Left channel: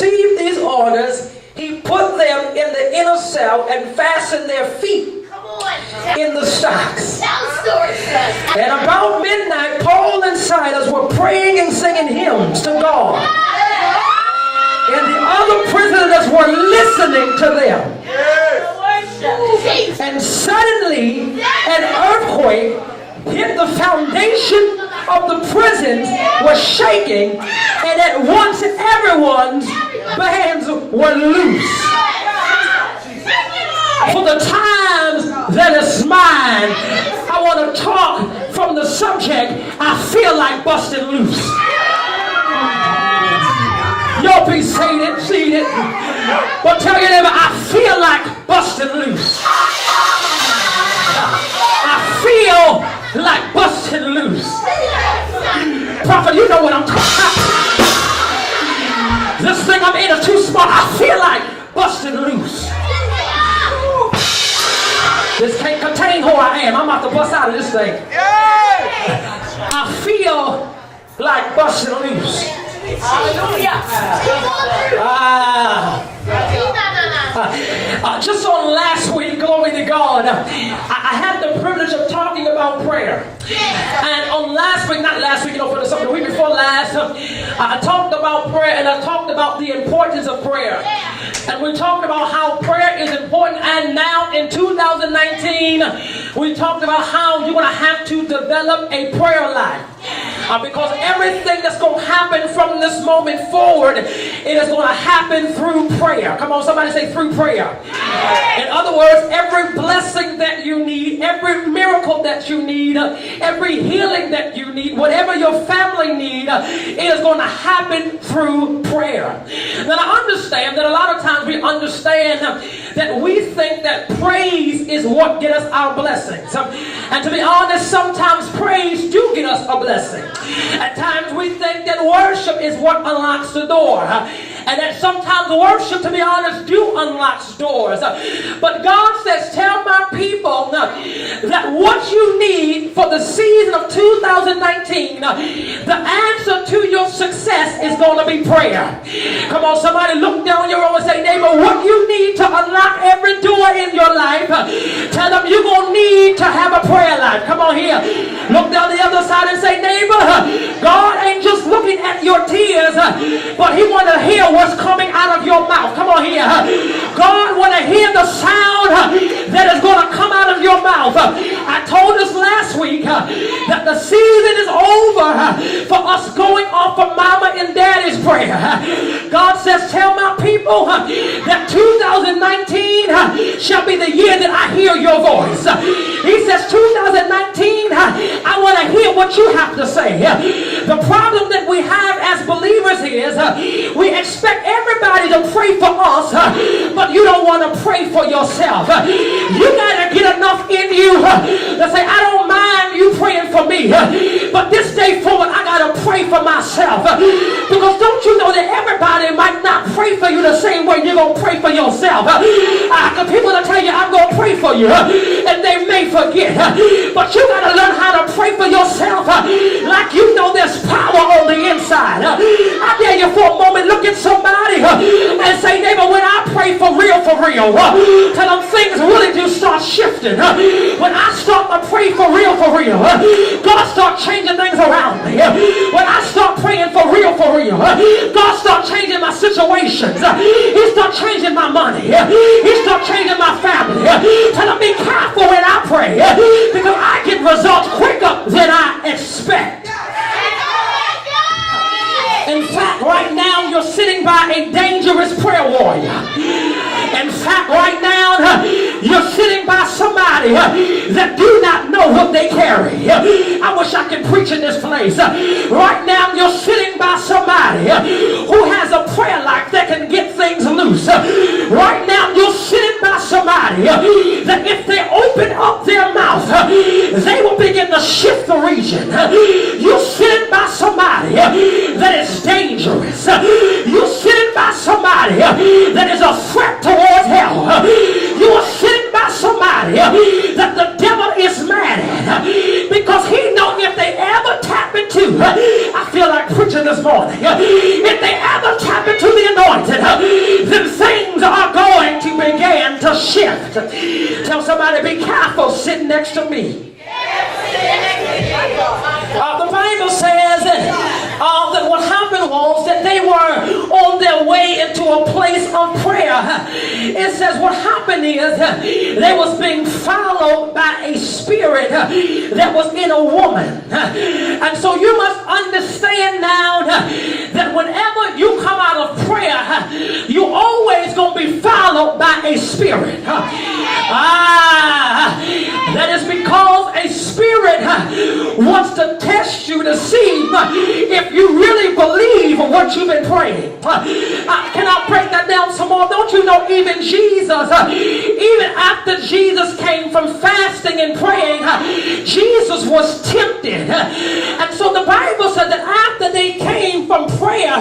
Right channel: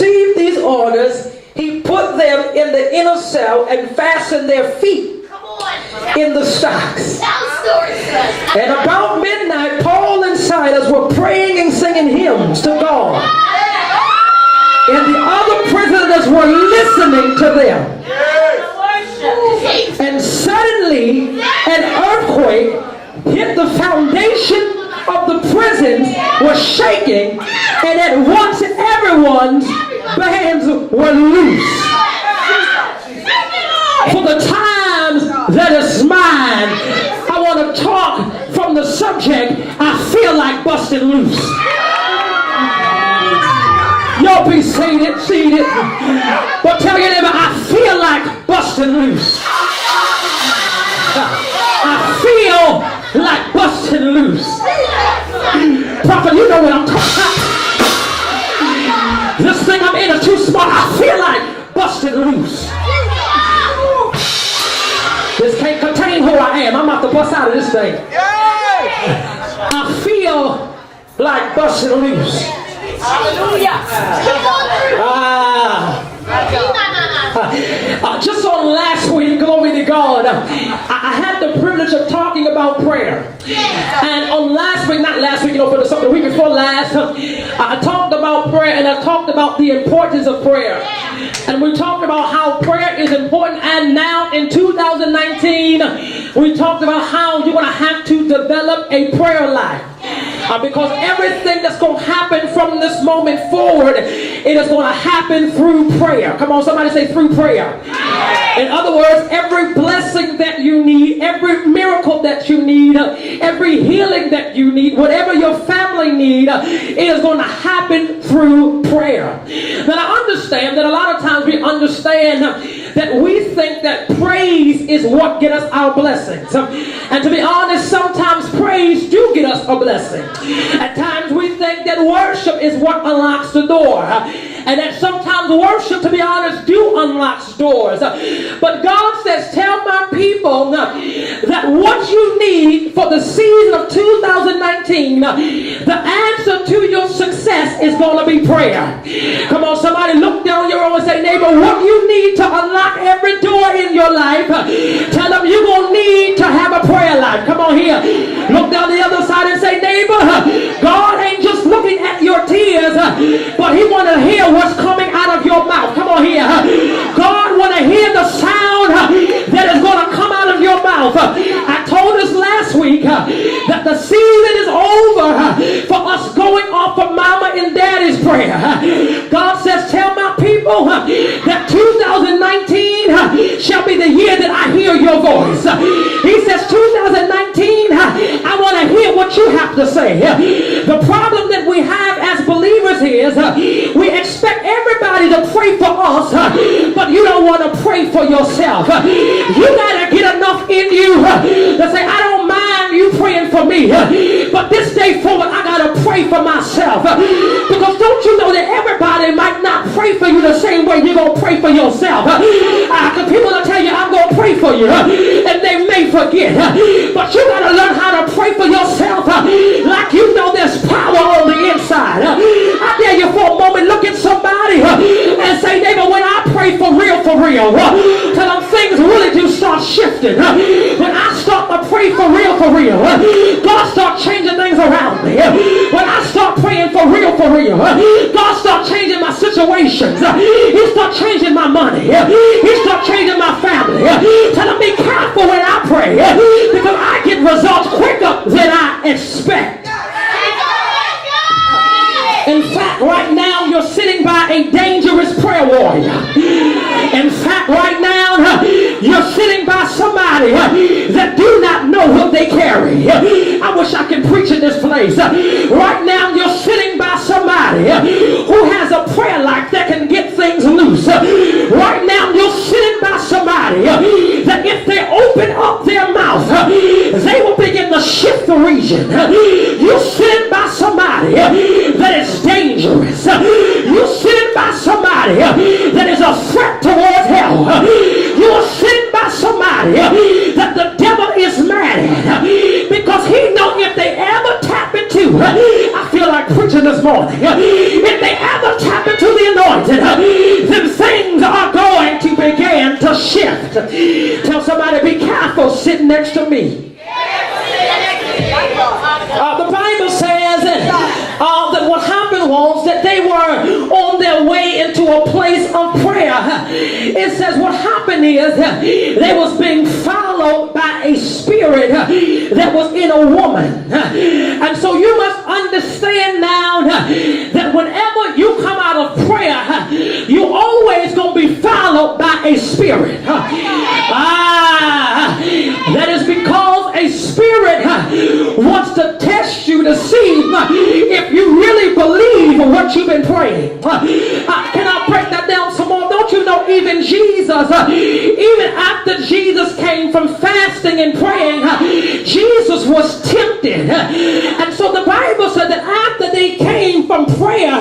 received these orders, he put them in the inner cell and fastened their feet in the stocks. And about midnight, Paul and Silas were praying and singing hymns to God. And the other prisoners were listening to them. And suddenly, an earthquake hit the foundation of the prisons, was shaking, and at once everyone's bands were loose. For the times that is mine, I want to talk from the subject, I feel like busting loose. Y'all be seated. But tell your neighbor, I feel like busting loose. I feel like busting loose. Prophet, you know what I'm talking about. This thing I'm in is too small. I feel like busting loose. This can't contain who I am. I'm about to bust out of this thing. I feel like busting loose. Hallelujah. Just on last week, glory to God, I had the privilege of talking about prayer. And on for the week before last, I talked about prayer, and I talked about the importance of prayer. And we talked about how prayer is important. And now in 2019, we talked about how you're going to have to develop a prayer life. Because everything that's going to happen from this moment forward, it is going to happen through prayer. Come on, somebody say through prayer. In other words, every blessing that you need, every miracle that you need, every healing that you need, whatever your family need, it is going to happen through prayer. Now I understand that a lot of times we understand that we think that praise is what gets us our blessings. And to be honest, sometimes praise do get us a blessing. At times we think that worship is what unlocks the door. And that sometimes worship, to be honest, do unlock doors. But God says, tell my people that what you need for the season of 2019, the answer to your success is going to be prayer. Come on, somebody look down your row and say, neighbor, what you need to unlock every door in your life, tell them you're going to need to have a prayer life. Come on here. Look down the other side and say, neighbor, God ain't just looking at your tears, but he want to hear what's coming out of your mouth. Come on here. God want to hear the sound that is going to come out of your mouth. I told us last week that the season is over for us going off of mama and daddy's prayer. God says, tell my people that 2019 shall be the year that I hear your voice. He says 2019, I want to hear what you have to say. The problem that we have as believers is we expect everybody to pray for us, but you don't want to pray for yourself. You got to get enough in you to say, I don't mind you praying for me, but this day forward I got to pray for myself. Because don't you know that everybody might not pray for you the same way you're going to pray for yourself. Because people will tell you, I'm going to pray for you, and they may forget. But you got to learn how to pray for yourself like you know there's power on the inside. I dare you for a moment, look at somebody and say, neighbor, when I pray for real, till them things really do start shifting. When I start to pray for real, God start changing things around me. When I start praying for real, God start changing my situations. He start changing my money. He start changing my family. Tell them be careful when I pray, because I get results quicker than I expect. In fact, right now you're sitting by a dangerous prayer warrior. In fact, right now you're sitting by somebody that do not know what they carry. I wish I could preach in this place. Right now you're sitting by somebody who has a prayer life that can get things loose. Right now you're sitting by somebody that if they open up their mouth, they will begin to shift the region. You're sitting by somebody that is dangerous. You're sitting by somebody that is a threat towards hell. You're sitting by somebody that the devil is mad at because he knows if they ever tap into, I feel like preaching this morning, if they ever tap anointed, then things are going to begin to shift. Tell somebody, be careful sitting next to me. The Bible says that what happened was that they were on their way into a place of prayer. It says what happened is they was being followed by a spirit that was in a woman. And so you must understand now that whenever you come out of prayer, you always going to be followed by a spirit. That is because a spirit wants to test you to see if you really believe what you've been praying. Can I break that down some more? Don't you know even Jesus, even after Jesus came from fasting and praying, Jesus was tempted. And so the Bible said that after they came from prayer,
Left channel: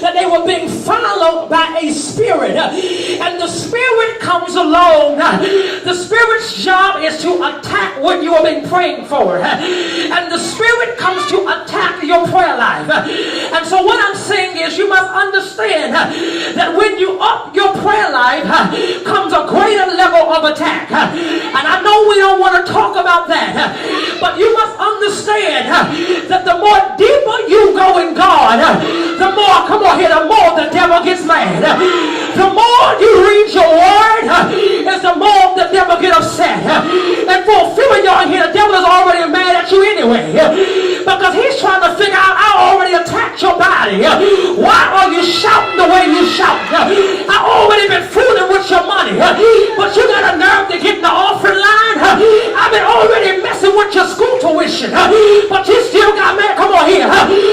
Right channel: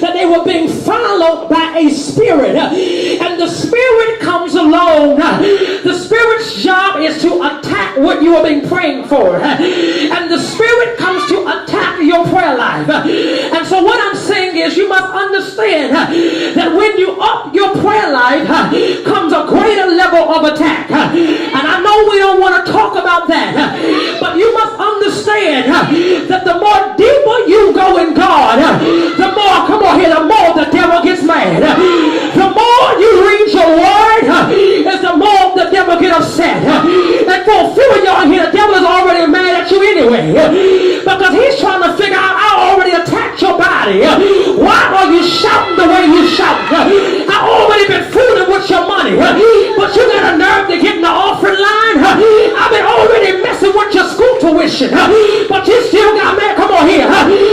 that they were being followed by a spirit. And the spirit comes along. The spirit's job is to attack what you have been praying for. And the spirit comes to attack your prayer life. And so what I'm saying is you must understand that when you up your prayer life comes a greater level of attack. And I know we don't want to talk about that, but you must understand that the more deeper you go in God, the more, come on here, the more the devil gets mad. The more you read your word, is the more the devil get upset. And for a few of y'all here, the devil is already mad at you anyway, because he's trying to figure out, I already attacked your body. Why are you shouting the way you shout? I already been fooling with your money, but you got a nerve to get in the offering line. I've been already messing with your school tuition, but you still got mad. Come on here.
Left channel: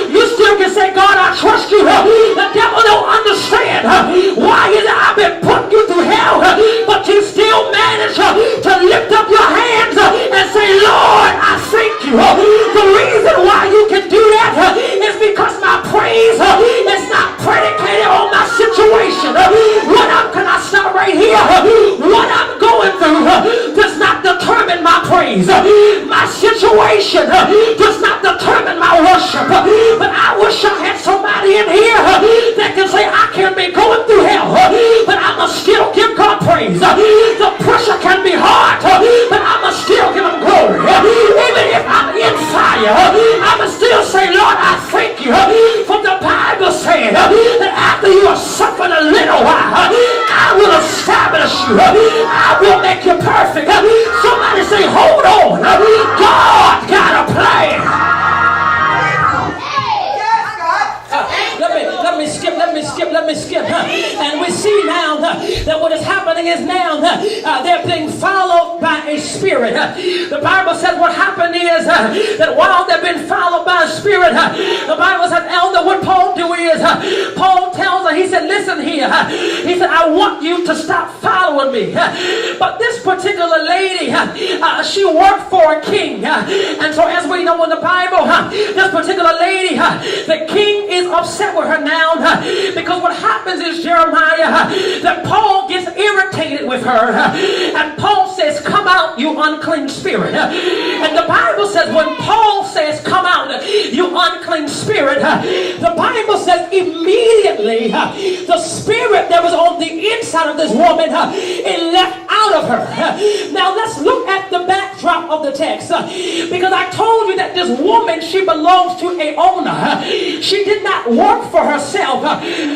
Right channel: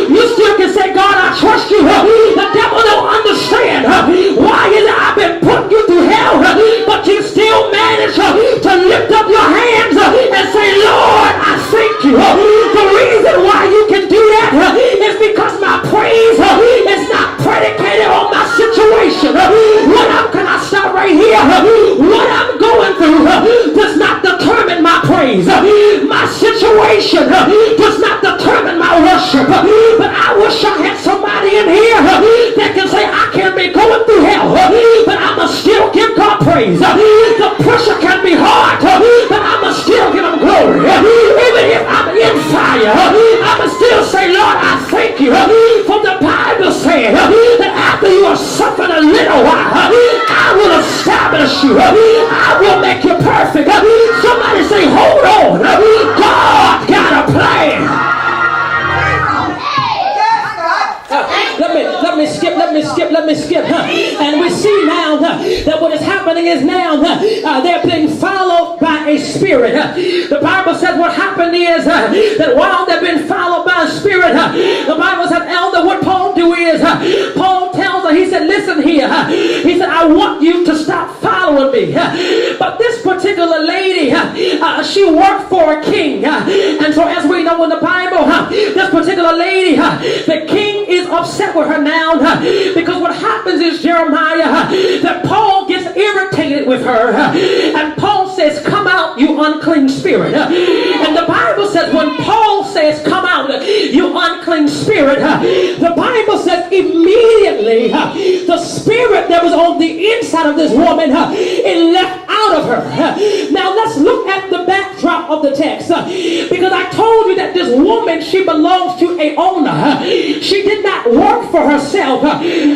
You still can say, God, I trust you. The devil don't understand why is it I've been putting you through hell, but you still manage to lift up your hands and say, Lord, I thank you. The reason why you can do that is because my praise is not predicated on my situation. Can I stop right here? What I'm going through does not determine my praise. My situation does not determine my worship. But I wish I had somebody in here that can say, I can be going through hell, but I must still give God praise. The pressure can be hard, but I must still give him glory. Even if I'm in fire, I must still say, Lord, I thank you. For the Bible said that after you are suffering a little while, I will establish you. I will make you perfect. Somebody say, hold on. God got a plan. Let me skip. And we see now that what is happening is now they're being followed by a spirit. The Bible says what happened is that while they've been followed by a spirit, the Bible said, Elder, what Paul do is, Paul tells her, he said, listen here. He said, I want you to stop following me. But this particular lady, she worked for a king. And so as we know in the Bible, this particular lady, the king is upset with her now because what happens is, Jeremiah, that Paul gets irritated with her, and Paul says, come out, you unclean spirit. And the Bible says when Paul says, come out, you unclean spirit, the Bible says immediately the spirit that was on the inside of this woman, it left out of her. Now let's look at the backdrop of the text, because I told you that this woman, she belongs to a owner. She did not work for herself,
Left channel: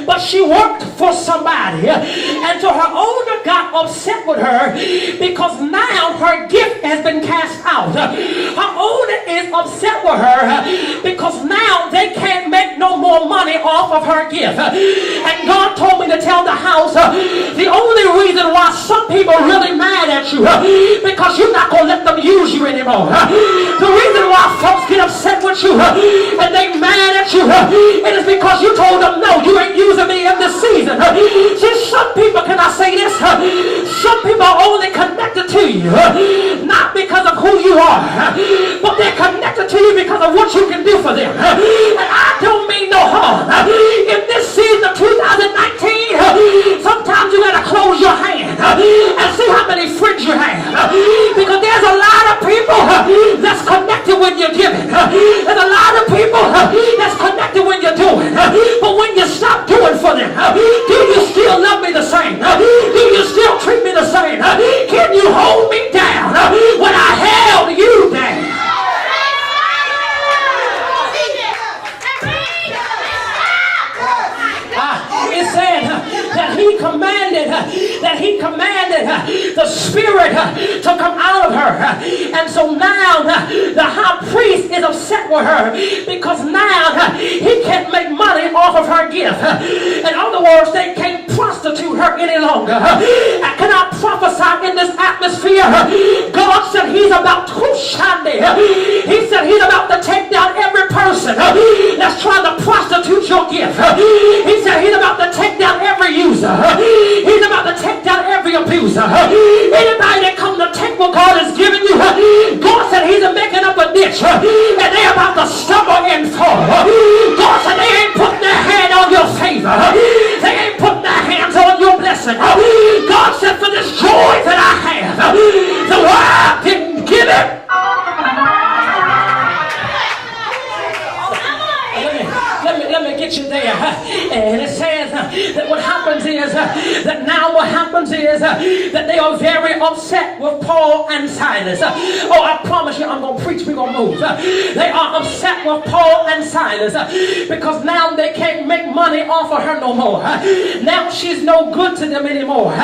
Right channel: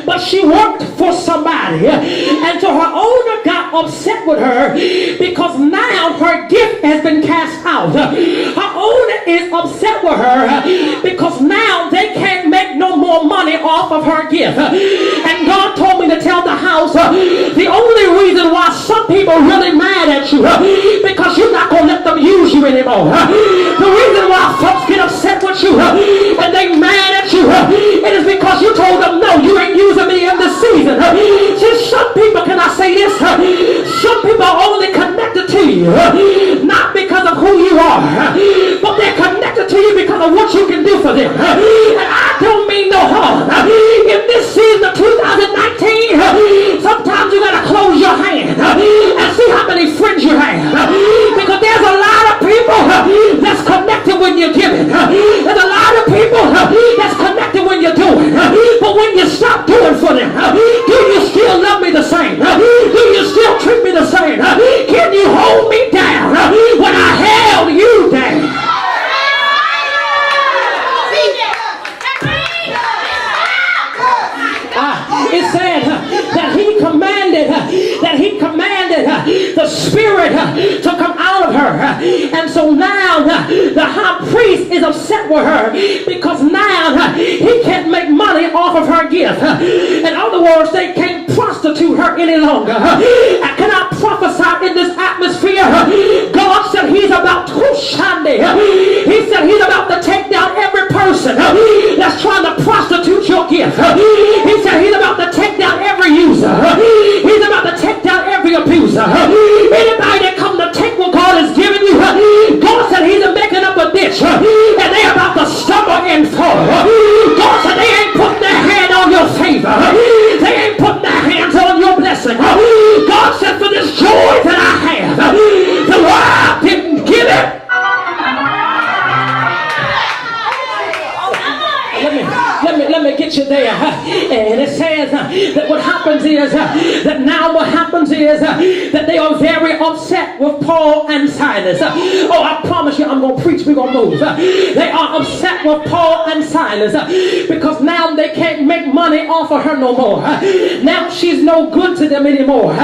but she worked for somebody. And so her owner got upset with her because now her gift has been cast out. Her owner is upset with her because now they can't make no more money off of her gift. And God told me to tell the house, the only reason why some people are really mad at you, because you're not going to let them use you anymore. The reason why folks get upset with you and they mad at you, it is because you told them, no, you ain't using me in this season. See, some people, can I say this? Some people are only connected to you, not because of who you are, but they're connected to you because of what you can do for them. And I don't mean no harm. In this season of 2019, sometimes you got to close your hand and see how many friends you have. Because there's a lot of people that's connected when you're giving. There's a lot of people that's connected when you're doing. But when you stop doing for them, it said that he commanded the spirit to come out of her. And so now the high priest is upset with her because now he can't make money off of her gift. In other words, they can't prostitute her any longer. Can I prophesy in this atmosphere? God said he's about to Sunday. He said he's about to take down every person that's trying to prostitute your gift. He said he's about to take down every user. He's about to take down every abuser. Anybody that come to take what God has given you, God said he's making up a ditch and they're about to stumble and fall. God said they ain't putting their hand on your favor. They ain't putting their hands on your blessing. God said for this joy that I have, the world didn't give it. Let me get you there. And it says that what happens is that now what happens is that they are very upset with Paul and Silas. Oh, I promise you I'm going to preach, we're going to move. They are upset with Paul and Silas because now they can't make money off of her no more. Now she's no good to them anymore.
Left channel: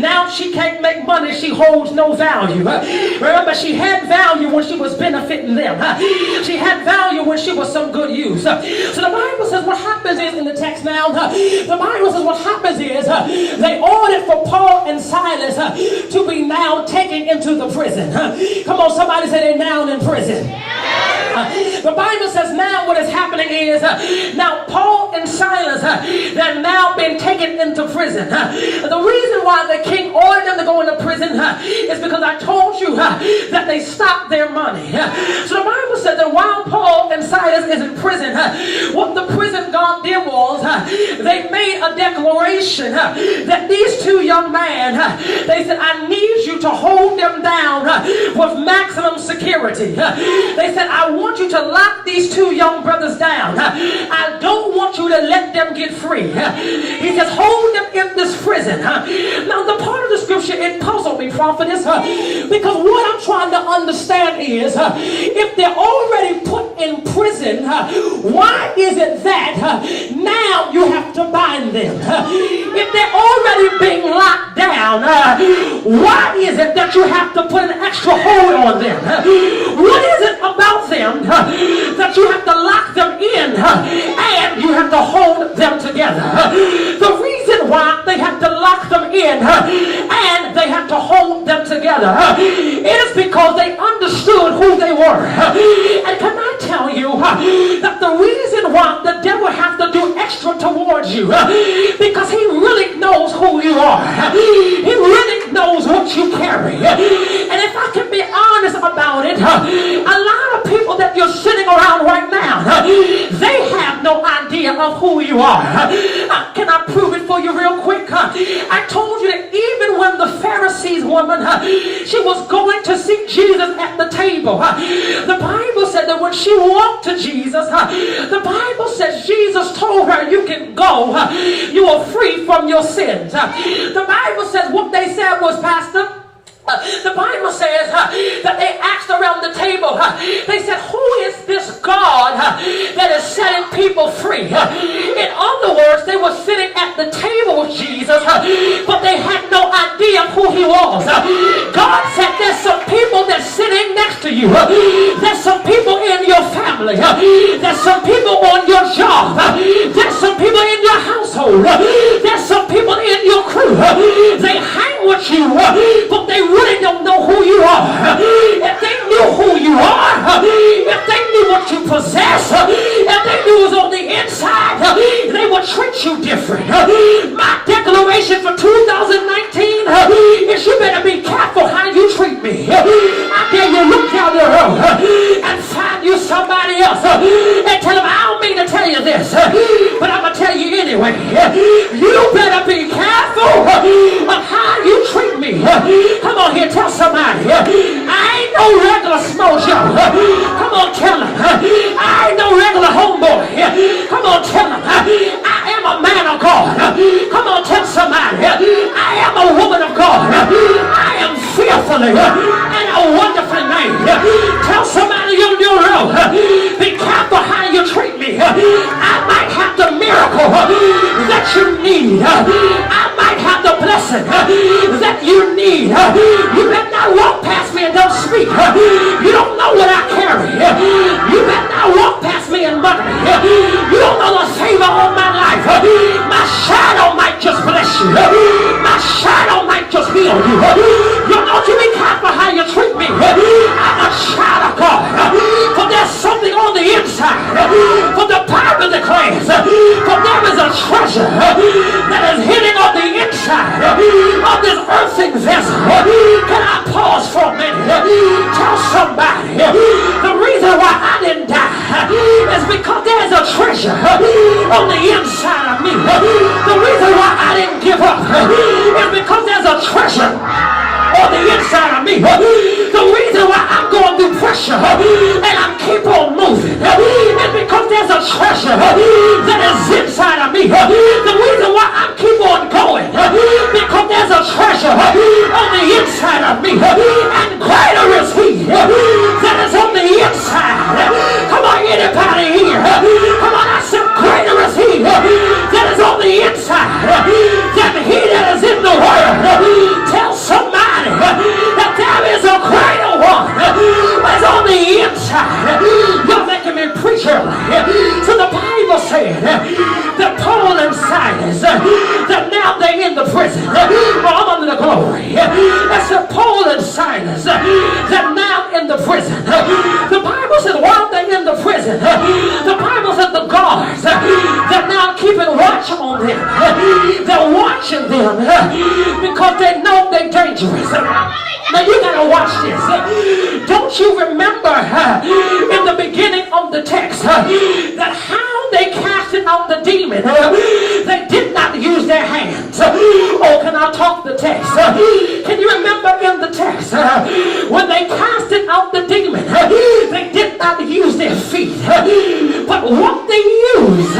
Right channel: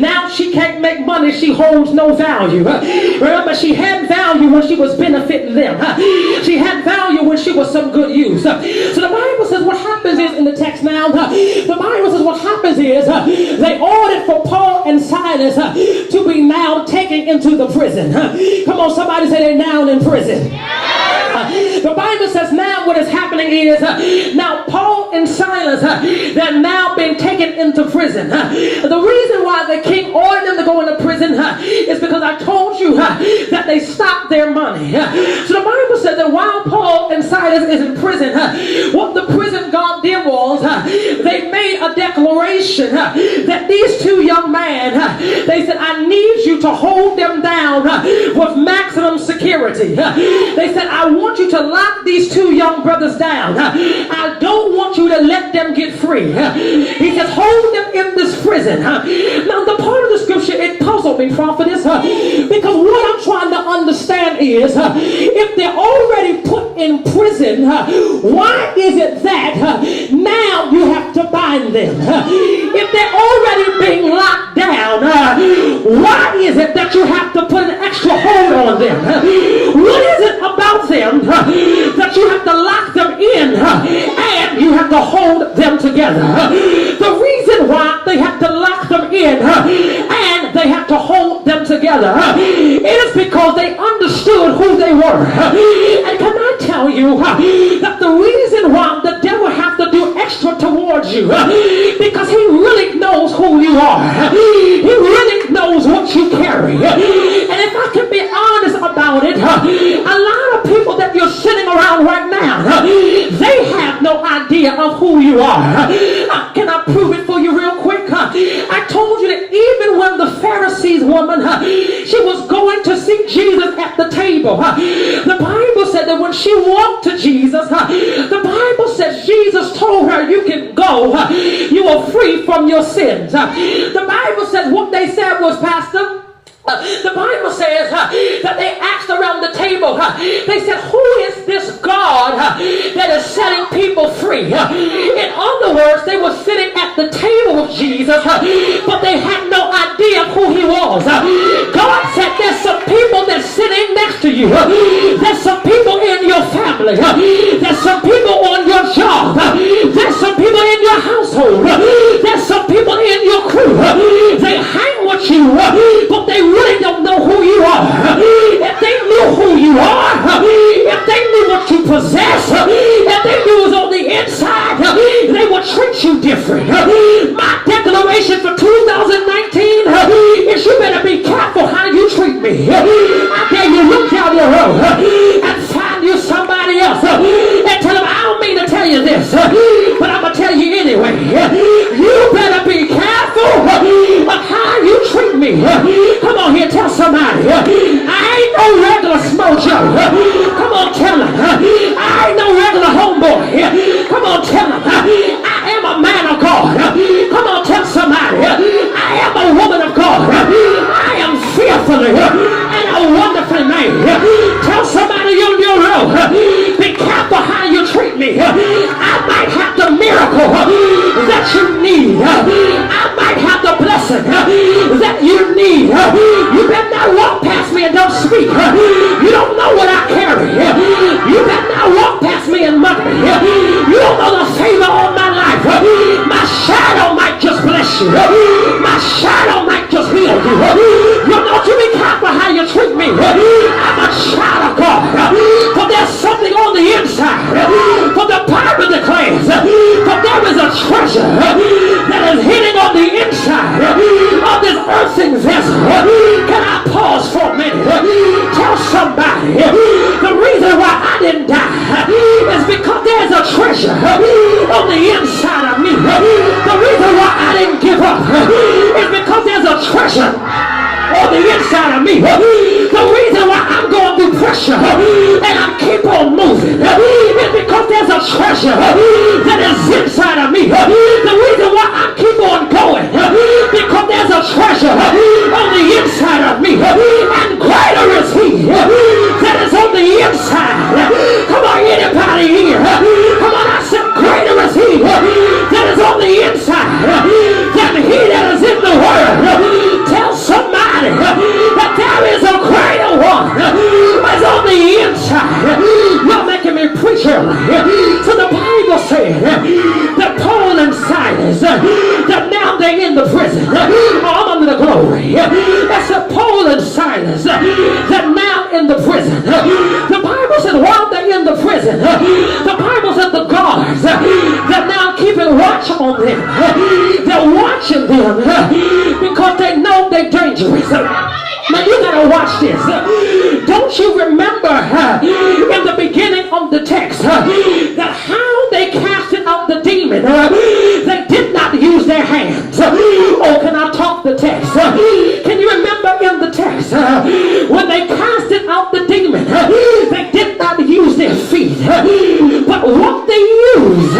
Now she can't make money. She holds no value. Remember, she had value when she was benefiting them. She had value when she was some good use. So the Bible says what happens is in the text now, the Bible says what happens is they ordered for Paul and Silas to be now taken into the prison. Come on, somebody say they're now in prison. The Bible says now what is happening is now Paul and Silas, they're now being taken into prison. The reason why the king ordered them to go into prison is because I told you that they stopped their money. So the Bible said that while Paul and Silas is in prison, what the prison guard did was they made a declaration that these two young men, they said, I need you to hold them down with maximum security. They said, I want you to lock these two young brothers down. I don't want you to let them get free. He says, hold them in this prison. Now, the part of the scripture, it puzzled me, prophetess, because what I'm trying to understand is, if they're already put in prison, why is it that now you have to bind them? If they're already being locked down, why is it that you have to put an extra hold on them? What is it about them that you have to lock them in and you have to hold them together? The reason why they have to lock them in and they have to hold them together, it is because they understood who they were. And can I tell you that the reason why the devil has to do extra towards you, because he really knows who you are. He really knows what you carry. And if I can be honest about it, a lot of people that you're sitting around right now, they have no idea of who you are. Can I prove it for you real quick? I told you that even when the Pharisees woman, she was going to see Jesus at the table, the Bible said that when she walked to Jesus, the Bible says Jesus told her, you can go, you are free from your sins. The Bible says what they said was, Pastor, the Bible says that they asked around the table, they said, who is this God that is setting people free? In other words, they were sitting at the table with Jesus, but they had no idea who he was. God said, there's some people that's sitting next to you. There's some people in your family. There's some people on your job. There's some people in your household. There's some people in your crew. They hang with you, but they really don't know who you are. If they knew who you are, if they knew what you possess, if they knew it was on the inside, they would treat you different. My declaration for 2019 is you better be careful how you treat me. I dare you look down the road and find you somebody else and tell them, I don't mean to tell you this, but I'm going to tell you anyway. You that you need. I might have the blessing that you need. You better not walk past me and don't speak. You don't know what I carry. You better not walk past me and mug me. You don't know the favor on my life. My shadow might just bless you. My shadow might just heal you. You don't you be careful how you treat me. I'm a child of God. For there's something on the inside. For the Bible declares, for there is a treasure that is hidden on the inside of this earthen vessel. Can I pause for a minute? Tell somebody the reason why I didn't die is because there's a treasure on the inside of me. The reason why I didn't give up is because there's a treasure on the inside of me. The reason why I'm going through pressure and I keep on moving is because there's a treasure that is inside of me. The reason why I keep on going because there's a treasure on the inside of me, and greater is he that is on the inside. Come on, anybody here? Come on, I said greater is he that is on the inside than he that is in the world. Tell somebody that there is a greater one that's on the inside. You're making me preach early. So the Bible said that Paul and Silas, that now they're in the prison. I'm under the glory. That's Paul and Silas, that now in the prison. The Bible said while they're in the prison, the Bible said the guards, they're now keeping watch on them. They're watching them because they know they're dangerous. Now you gotta watch this. Don't you remember in the beginning of the text that how they casted out the demon? They did not use their hands. Oh, can I talk the text? Can you remember in the text when they casted out the demon? They did not use their feet, but what they used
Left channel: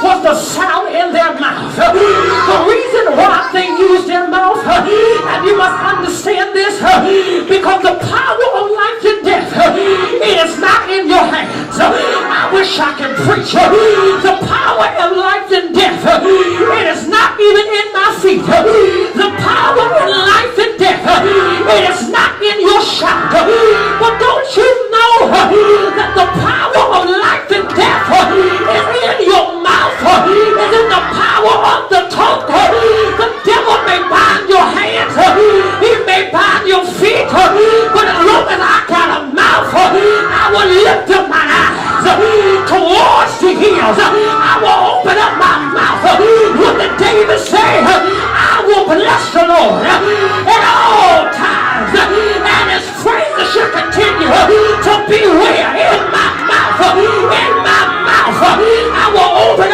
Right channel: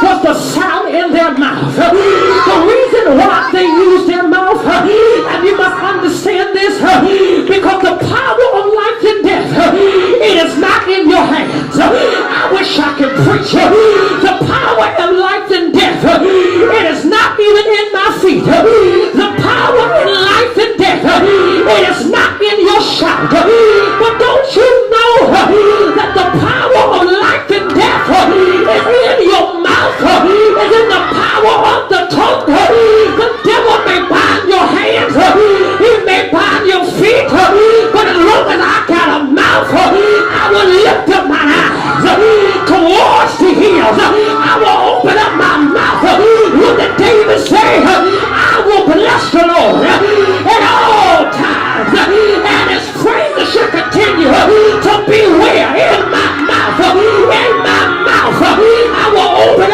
was the sound in their mouth. The reason why they used their mouth, and you must understand this, because the power of life and death, it is not in your hands. I wish I could preach. The power of life and death, it is not even in my feet. The power of life and death, it is not in your shout. But don't you know that the power of life and death is in your mouth, is in the power of the tongue. The devil may bind your hands, he may bind your feet, but as long as I got a mouth, I will lift up my eyes towards the hills. I will open up my mouth. What did David say? I will bless the Lord at all times, and his praise shall continue to be where? In my mouth. In my mouth. I will open